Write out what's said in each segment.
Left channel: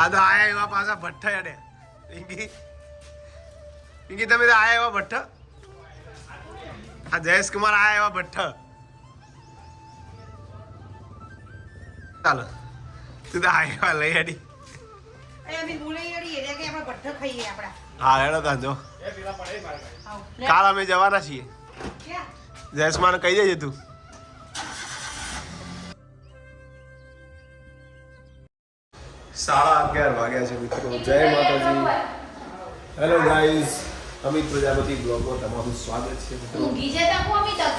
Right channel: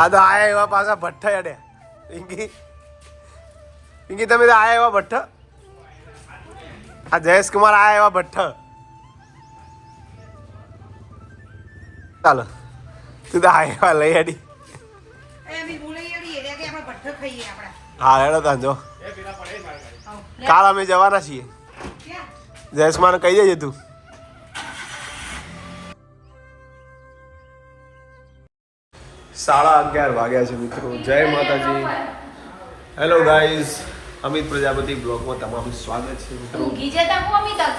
આ તો આયા એવા પાછા ભઠ્ઠા અડે પિંકી પિંકી તમે તો આયા એવા ભઠ્ઠ? આ જયેશ કુમાર આયા એવા ભઠ્ઠ. ચાલો તું તો આયા એવા લઈ આપણા. હા હેડો તાંજો. કાલ અમે જવાના છીએ. જયેશ કુમાર કહી દેજે તું. સાડા અગિયાર વાગ્યા છે મિત્રો. જય માતાજી. હેલો ગાઈઝ અમિત પ્રજાપતિ બ્લોગમાં તમારું સ્વાગત છે મિત્રો.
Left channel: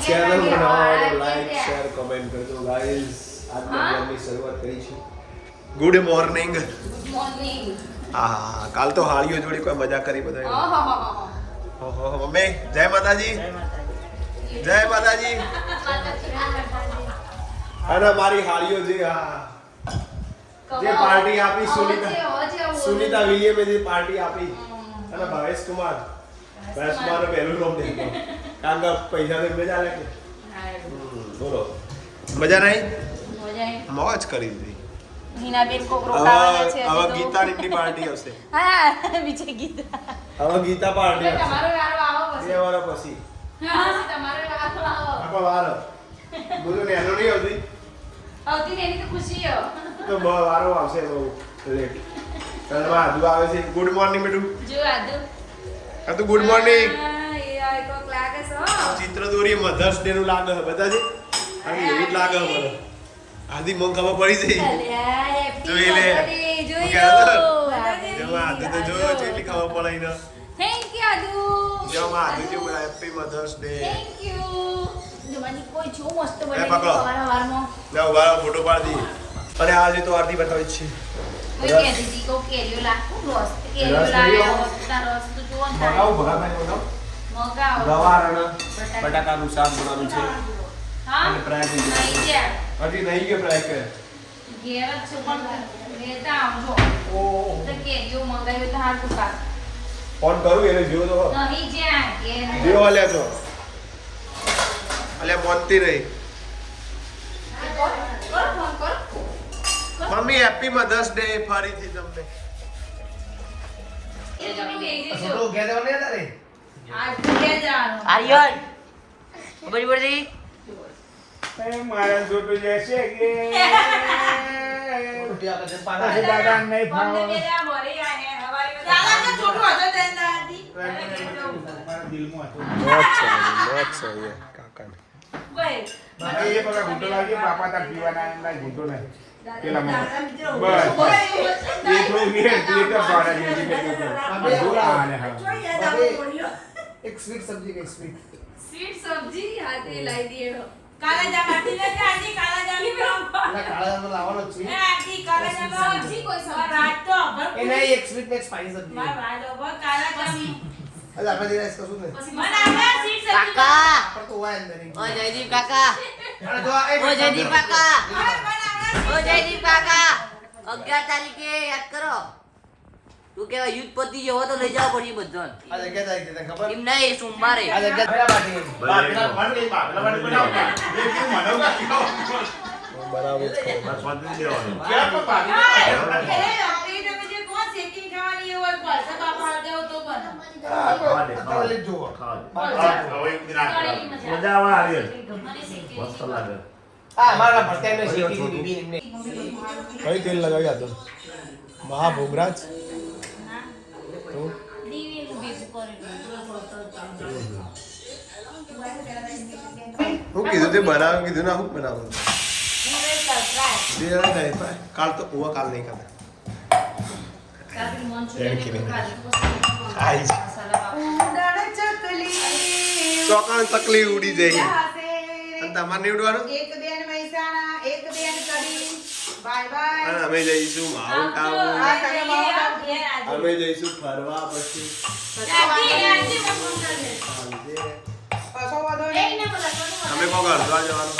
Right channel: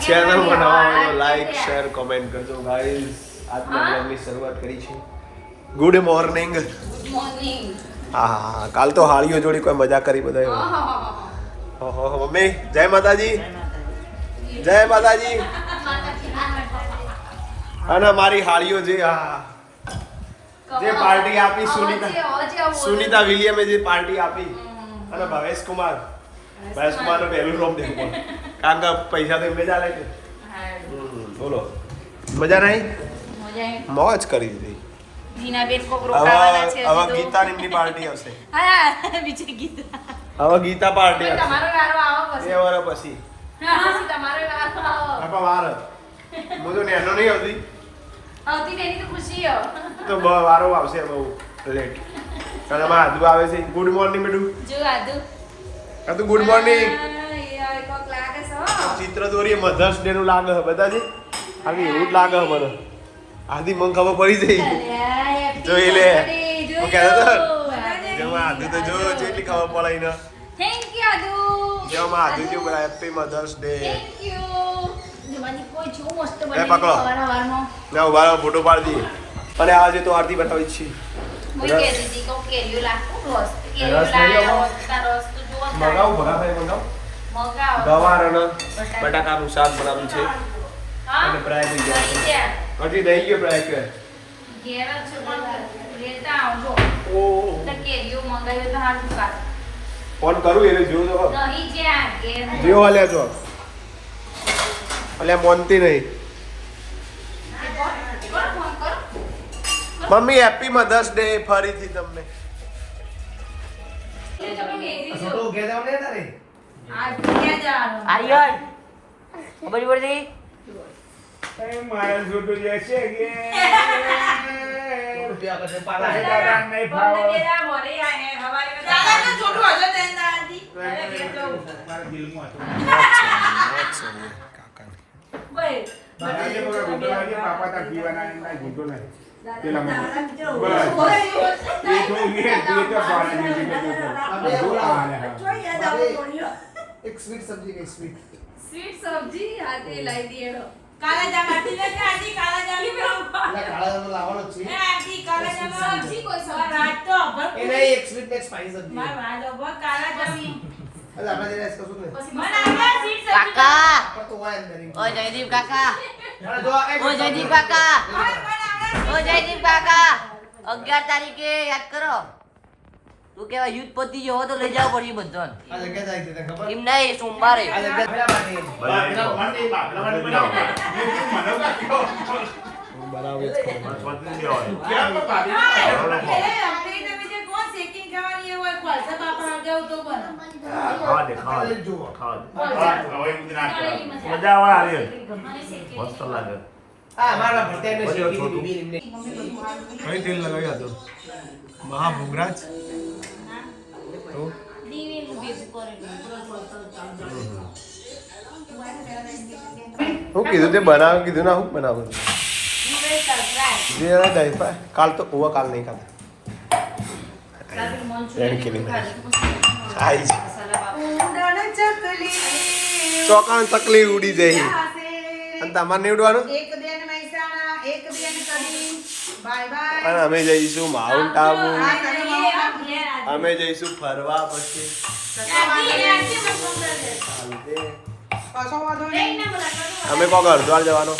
ચેનલમાં નવા લાઈક શેર કોમેન્ટ કરજો ગાઈઝ આજના બ્લોગની શરૂઆત કરી છે. ગુડ મોર્નિંગ હા કાલ તો હાળીઓ જોડી કોઈ મજા કરી બધા મમ્મી જય માતાજી. જય માતાજી. અને મારી હાળીઓ જે હા. જે પાર્ટી આપી સુનીતા. સુનીતા વિલિયમે જે પાર્ટી આપી. અને ભવેશ કુમાર. ભવેશ કુમાર. પહેલું રોપ દેખો કારણ કે પૈસા તો એમને ચાલે કે બોલો. મજા નહીં? મોજ કરી દીધી. હવે ગીતાની એમની પાર્ટી આવશે. ગીતા. હવે ગીતા પાર્ટી આવશે. બે પછી. વર્ષ પછી. હા, તમારો વાર હું તો નેનો નહીં આવતી? આવતી ને તો ખુશી હો. તો બ- વારો આવશે બહુ. લેટ અને માં આદુ આવે છે. ગુડ મોર્નિંગ બેડુ જો આદુ. આ તો ગુડ મોર્નિંગ છે. ચિત્ર દોરી મધર્સ ડે નું લાગે છે બતાજી આવી એવું જ લાગે છે મને. આધી મને ખબર પડી જઈ. જોઈ લે. કહેતો. જેમાં આદુ. તો જો જેટલી ખબર પડે એને. થેન્ક યુ આદુ. જેમાં આદુ જો happy mother's day thank you. Photo પાડી અને આજે તો આરતી બતાવી છે. બટાકાનું શાક બનાવ્યું છે. અને ફ્રાય. હજી દઈ ગયો ફ્રાય કે. ફોન કરું એટલે જોયો તો નહીં જ્યાં ઘેર જેવો છો અલ્યા મોનતી નહીં. મમ્મી હેપી મધર્સ ડે ફરીથી તમને એ તમે ભેજી જો. તો ઘેર જવાનું નહીં તારે? આ ઘેર જવાનું. આર્યન ખબર પડતી મારા જોટો જશે કે. દાદા તો હતો તેને ઘેર જવું. બધા જે બધા ઘૂંટો લાગી બાપા તા પીવાના એના ઘૂંટો નહીં. પેલા મને. બસ. એ તો વીર વીર તો. પાડા જેવી ગયો. આ બે હા, હા. જોઈ યાદ આવો બોલ્યો. એક સ્વીટ સબ્જી કઈ સ્વીટ સ્વીટ સબ્જી હાથે લાવી દીધો કાલા જામ આરતી લેકે આરતી કાલા જામ એટલે કાળા જામનો લાવવાનો જ એ છે કાલા જામ સબ્જી કોઈ સબ્જી. રાત તો અભર એક સ્વીટ ને એક સબ્જી માર વાળ કાલા જામ એટલે આપણે જઈને કશું ને પછી મને આપણે સીટ સબ્જી કાકા પણ તો હોય અંદર. ઓ જયદીપ કાકા ઓ જયદીપ કાકા ઓ જયદીપ કાકા અગિયાર તારીખે યાદ કરો તું કેવા યુદ્ધ પતિ જેવો તો લઈ જાવ પડી ખબર? એમ નહીં સોમવારે આ જગ્યા શીખી બીબી કઈ તેલ હું? કીધું તે બનાવ કીધું ના હું બનાવું. જે જણા જાય પાય. કાલ તો ઉવા કાલ નહીં કાલ રેણ કીધી. આઈ ચોકાણ તકલી ઉડી જઈ અને તમારે બાય અને અમે જઈશું માઉન્ટ આબુ. અમે જઈશું ફરવા પછી. અમે કોક હરદ્વાર જવાનો.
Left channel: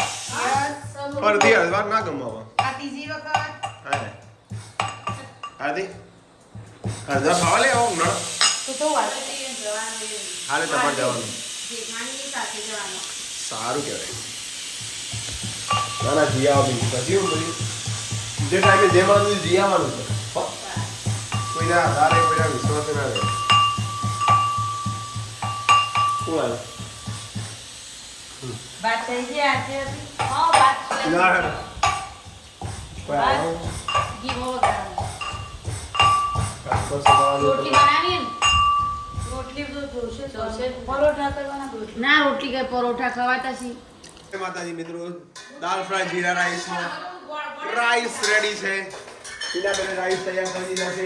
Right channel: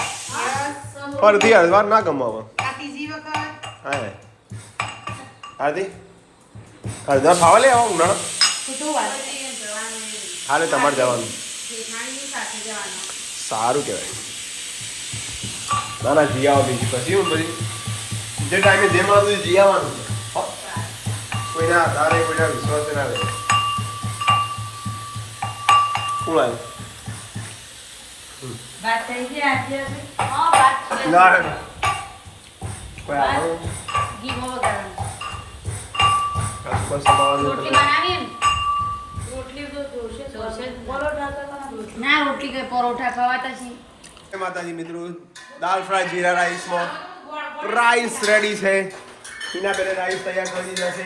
ફરતી હરદ્વાર ના ગમો હવે આ ત્રીજી વખત. હા હાર્દિક? હરદ્વાર ફાવે લે આવો ઉનાળો? હાલે તમારે જવાનું. સારું કહેવાય. ના ના જી આવો બીજી પછી હું પછી. જે ટાઈમે જે માનું જી આવવાનું છે. કોઈના આધારે કોઈના વિશ્વાસ ના રહે કોણ આવ્યું? વાત થઈ ગઈ આજે હા, વાત ના કોઈ ઘી બહુ વગાડવાનું. ના રોટલી કે પરોઠા ખવાતા છે માતાજી મિત્રો દાલ ફ્રાય જીરા રાઈસમાં. રાઈસ રેડી છે. એના પહેલા રાઈસ તૈયાર કરી દીધા છે.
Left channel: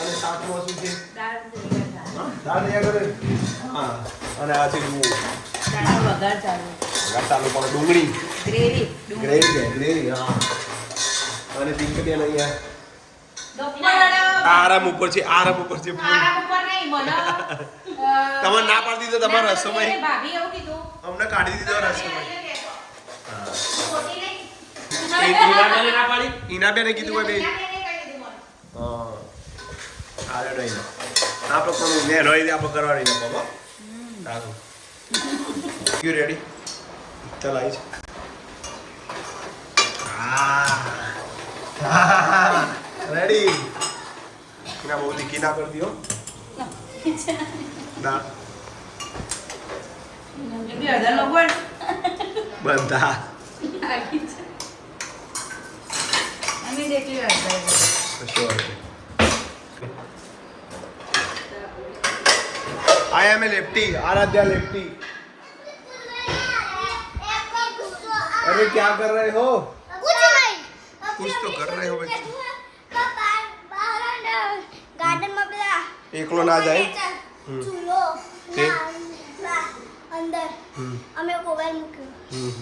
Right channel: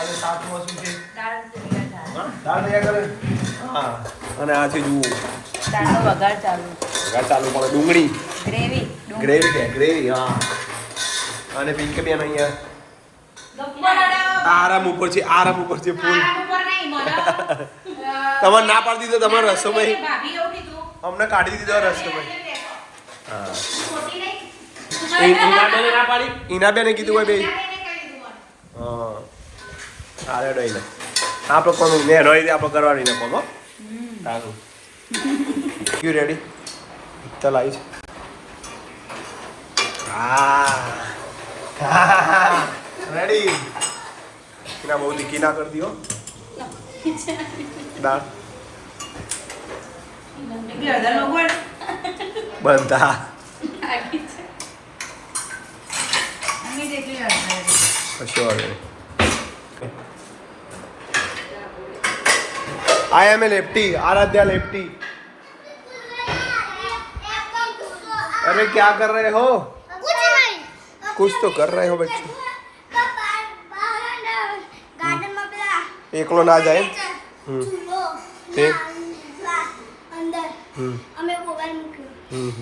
અને સાથમાં શું છે? દાળ તૈયાર કરે. હા અને આ છે જુઓ વઘાર ચાલુ. ડુંગળી. ગ્રેવી ગ્રેવી ગ્રેવી હા. અને પિંક બેન અહીંયા. આરામ ઉપર છે આરામ ઉપર છે ફૂલ. આરામ ઉપર નહીં તમારે ના પાડી દીધો તમારો ભાભી અમને કાઢી દીધો રસોમાં હા. ખોટી નહીં. ઈનાબેને ના કીધું હોય બે અરે ડઈ ના આ પકવાનું મેં રહી આ પકડવાની છે પકો સારું. યુ રેડી ચાલ આવીશ હા. રેડી કિના બહુ દીકી ના કરી હો. બધા I am a lefty Aaradhya lefty अरे क्या कर रहे हो कुछ नहीं कुछ तो कर रहे हो बच्चों एकलो ना जाए ચૂલો અંદર હમ અમે મોબાઈલ મૂક્યો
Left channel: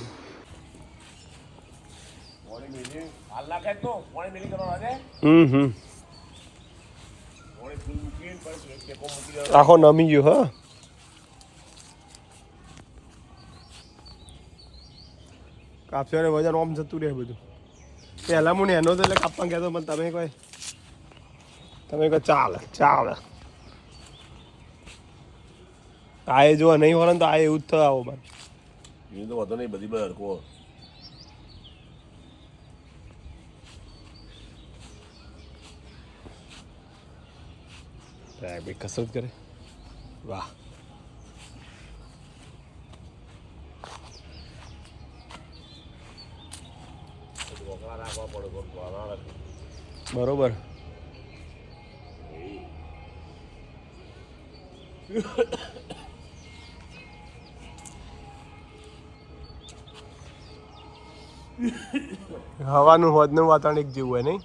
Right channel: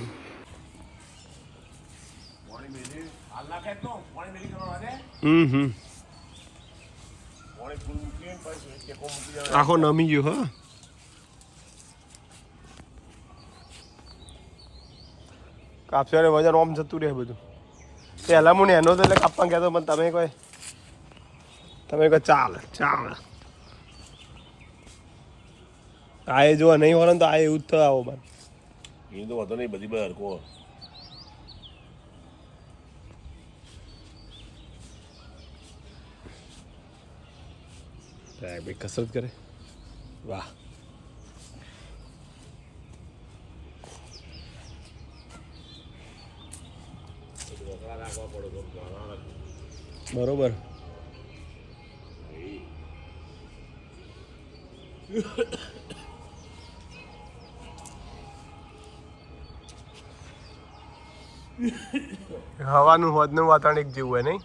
આખો નમી ગયો હા કાપશે ને વજન ઓમ જતું રહે બધું પહેલા હું એનો તો એટલે કાપવા કહેતો પણ તમે કોઈ તમે કોઈ ચાલે ચાલે આ એ જોવા નહીં હોય ને તો આ એવું જ થયો આવો મારે એ તો વાંધો નહીં બધી બધા હરકો ભાઈ કસરત કરે. વાહ. બરોબર. હવાનું હોદનું વાતાવરણ એક જેવું હોય નહીં?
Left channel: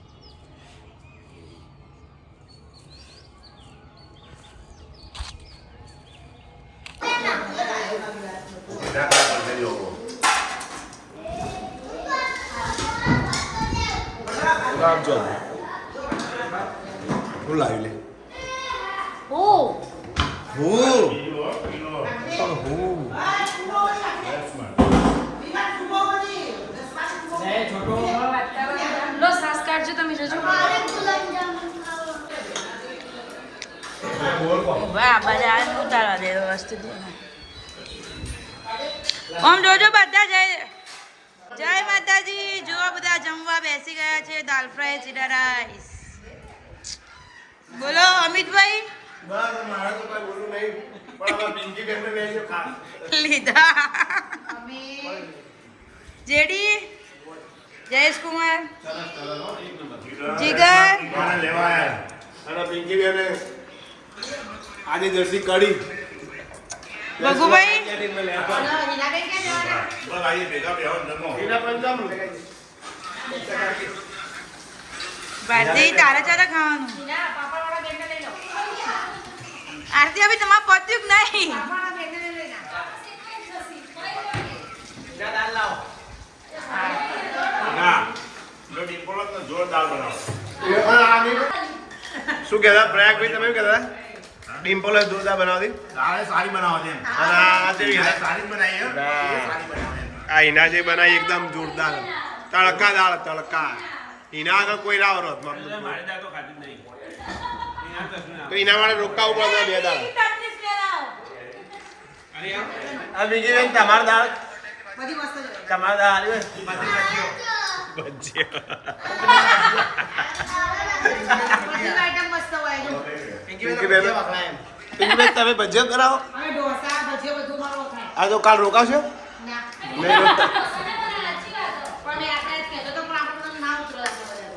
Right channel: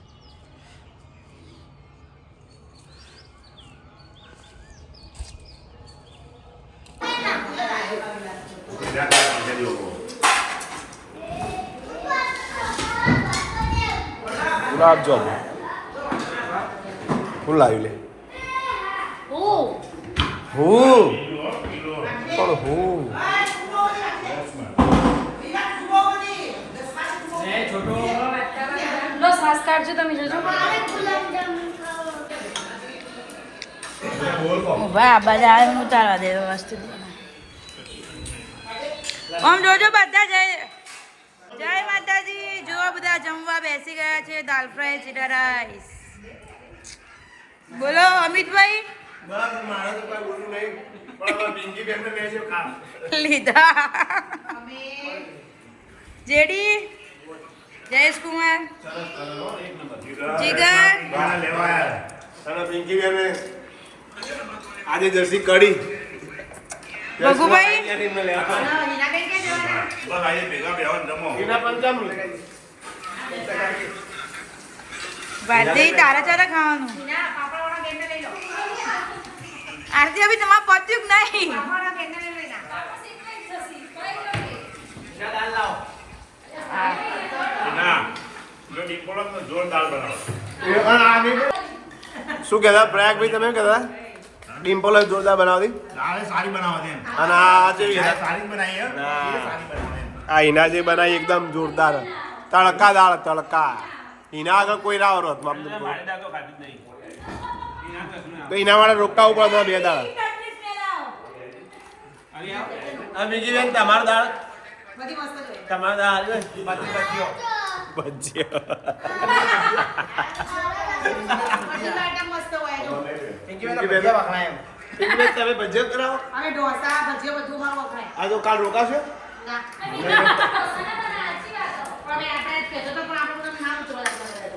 આપજો હું લાવી લે. હું? હું? પણ હું? તમે જજો. વાહ બધા ઉતારવા દે આમ જોજો બધા જય જય માતાજી. જો બધા જમવા બેસી ગયા છે. દાલ ફ્રાય જીરા રાઈસ. બોલો અમિતભાઈ? લીધા. જેડી? જયેશ કુમાર. જીગર. આજે જર્સી કડી ભગુભાઈ ભારતી તારા ચારા ખાવાનું. આરતી અભી તમારે પત્યું કે નહીં હા. શું કહેતા? પ્રયાગભાઈ તમે કહેતા? ડિમ્પલ જ જોરદાર બનાવતી સારી બનાવતી અને આ જે સારી બનાવી આ હિના જે બનાવી એકદમ જોરદાર. તડકા દાળ તડકા. હિના આગળ કોઈ ના આવરો તો એના માટે રોકાવું પડે બે દાળ. આ બીજી બેન તમારા દાળ તમારા દાળ ભજીયા. આઈટમ મસ્ત હોય તમે ભજીયા કરાવો? અમે ઢોસા ભજીયા બધું મારું વખણાય. આ તો કાલ રોકાશો? ના.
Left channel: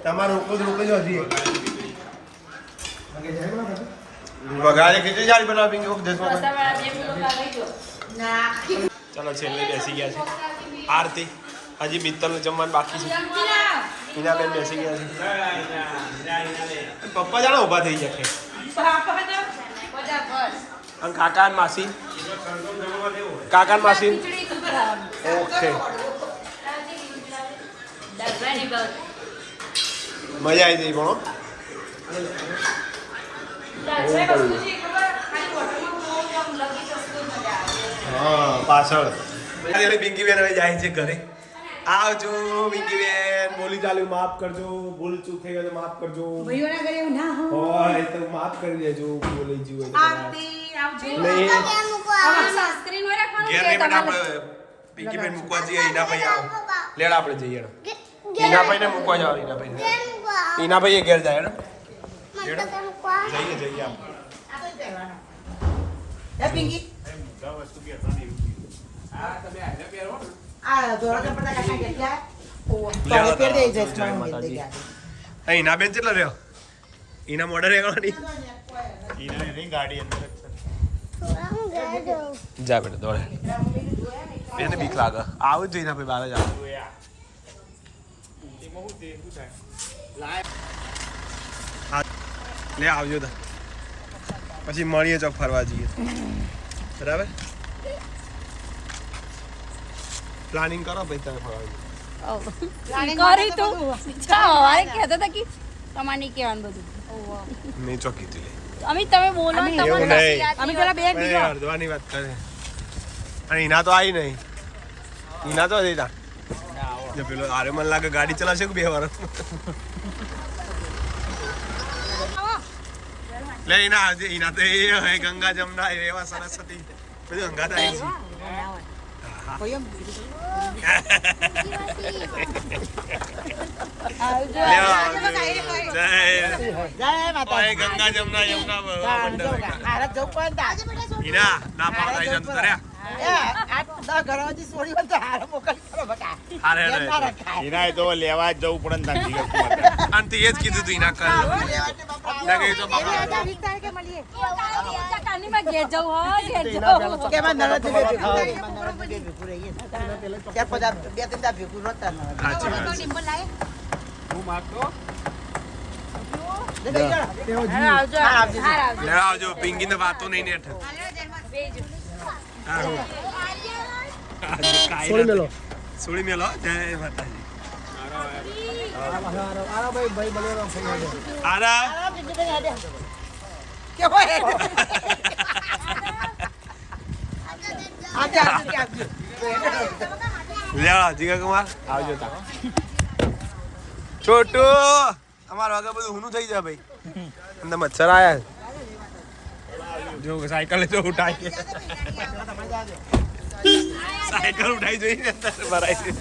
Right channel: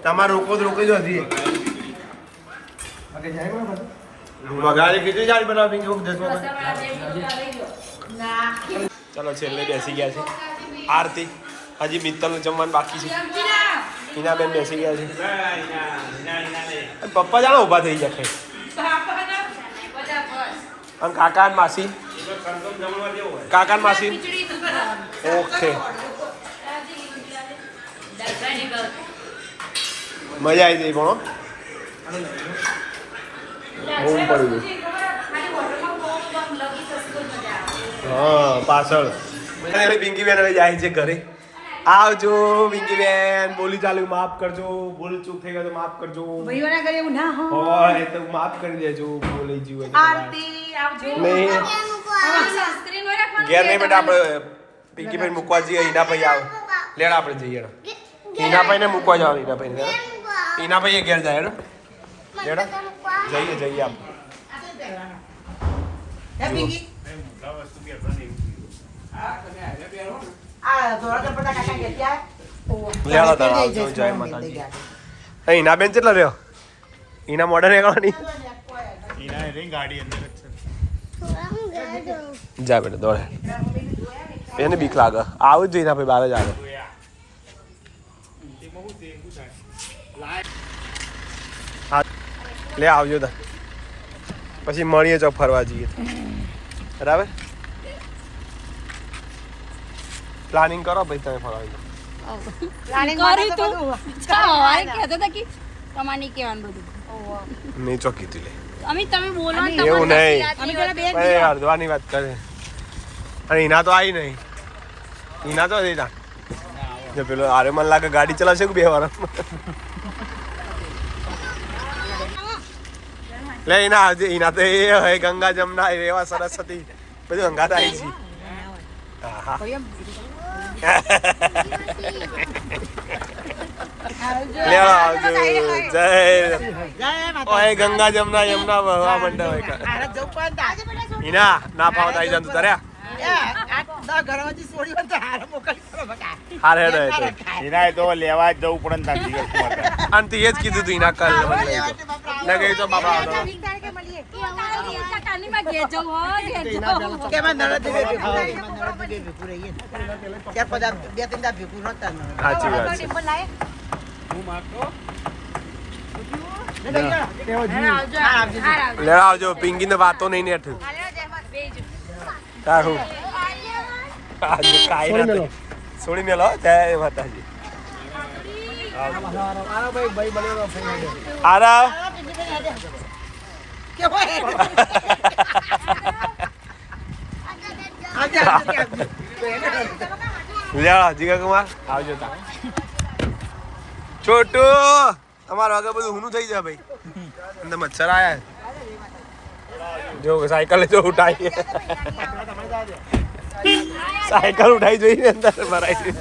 તમારે રોકો તો રોકી જ હજી વઘારે કેટલી સારી બનાવે પિંકી કોક ચલો છેલ્લે બેસી ગયા છે. આરતી. હજી મિત્તલનું જમવાનું બાકી છે. હિના બેન બેસી ગયા છે. પપ્પા જાણો ઊભા થઈ જશે અને કાકા માસી? કાકા માસી? ઓકે. મજા આવી ગઈ પણ હા, પાછળ. પિંકી બેન જાય છે ઘરે. આવજો પિંકી બેન. બોલી ચાલુ માફ કરજો. ભૂલ ચૂક થઈ ગયો તો માફ કરજો. ભાઈઓના કરે એવું ના હોય. તો માફ કરી દેજો. બોલી જીવ હોય આવજો નહીં શાસ્ત્રી ને નહીં ઘેર નહીં બેટા આપણે પિંકી બેન મૂકવા જઈએ ઈના ભાઈ આવ. લેડ આપણે જઈએ હેડો. ઈના ભાઈને મૂકવા જાવ ઈના ભાઈને ઈના ભાઈ ઘેર જાય હેડો. જઈએ જઈએ આપણે હે પિંકી? આ ધોરણ તો બધા કાકા તો ઈના બેન કેટલા રહ્યો? ઈના મોડર એકવાની જા બેટા દોડે. એને બીક લાગે. આવું જ જોઈએ ભાઈ બાર જ આવે. હા લે આવજો તા. પછી મળીએ ચોક ફરવા જઈએ. બરાબર? પ્લાનિંગ કરો ભાઈ તમે ફરવાનું કરી તું સવારે કહેતો હતા કે તમારે નહીં કહેવાનું બધું. નહીં ચોકી તું લે. અમે તમે બોલો એવું નહીં. અમે પેલા બે હરદ્વાની વાત કરે. અને એના તો આવી નહીં. એના તો હતી ત્યાં જો પેલો આરે મને લાગે ગાડી ચલાવશે કે બે વાર. લે ઈના આવજે ઈના તો એ હે ગંગા જમના એવા સરસ્વતી. બધું ગંગા આવી છે આવજો. જય ઓય ગંગા જમના યમુના વહવા મંડળ હોય ઈના ના ફાવત આવી જાતું તાર્યા હારે હેડો તો. લેવા જ જવું પણ ને ત્યાંથી. અને તે જ કીધું તું હિના કલ તો સાચી વાત છે આવજો પિંગી ને વાતો નહીં ને હેઠ તારું આજે કાઈ ના છોડી મેલો જય માતાજી આરા લે જીગા કુમાર, આવજો તા. છોટુ અમારું આગળ બધું હુનું થઈ જાય ભાઈ. અંદર મચ્છર આયા જો, સાયકલ જો ઉઠાઈ સાયકલ ઉઠાઈ જોઈને અંદર ભરાઈ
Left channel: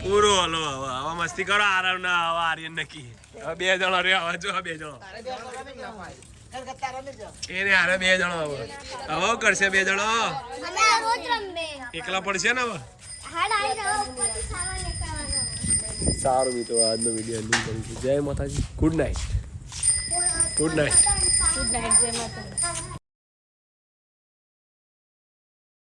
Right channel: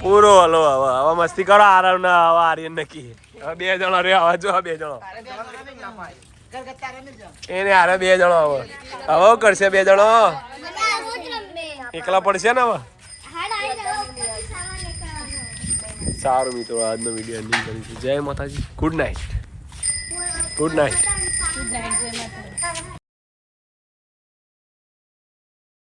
પૂરો હલો, હવે હવે મસ્તી કરો આરામ ના હવે આર્યન નક્કી બે જણો રે આવા જો, બે જણો. એને હારે બે જણો હવે હવે કરશે બે જણો. એકલા પડશે ને હવે સારું મિત્રો, આજનો વીડિયો એન્ડિંગ કરીશું. જય માતાજી. Good night good night good night જય માતા